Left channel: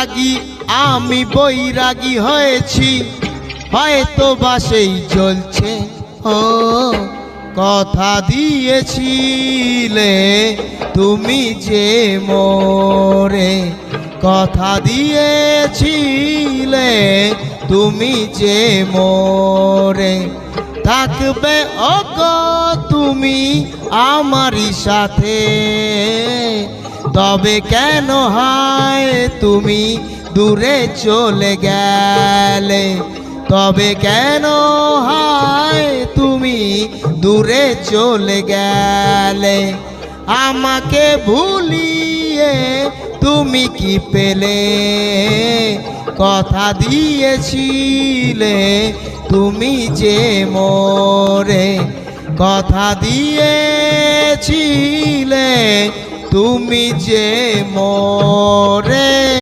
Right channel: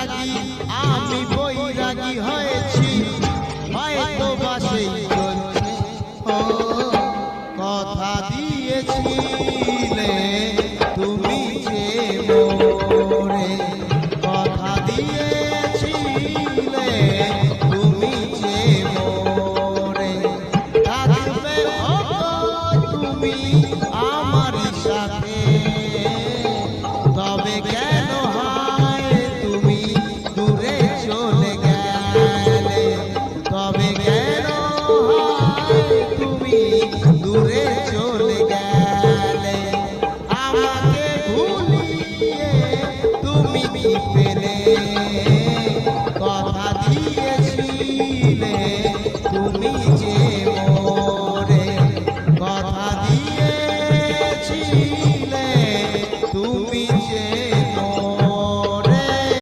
লাগি আমি বৈরাগী হয়েছি, হয়তো বা সেই চলছে। ও কথা দিয়েছিলে তুমি যে মোরে, কথা দিয়েছিলে তুমি যে মোরে, থাকবে ওগো তুমি আমারই সাথে। তবে কেন হায় তুমি দূরে চলে গেলে, তবে কেন হায় তুমি দূরে চলে গেলে। আমাকে ভুলিয়ে তুমি কি পেলে, কথা দিয়েছিলে তুমি যে মোরে, কথা দিয়েছিলে তুমি যে মোরে।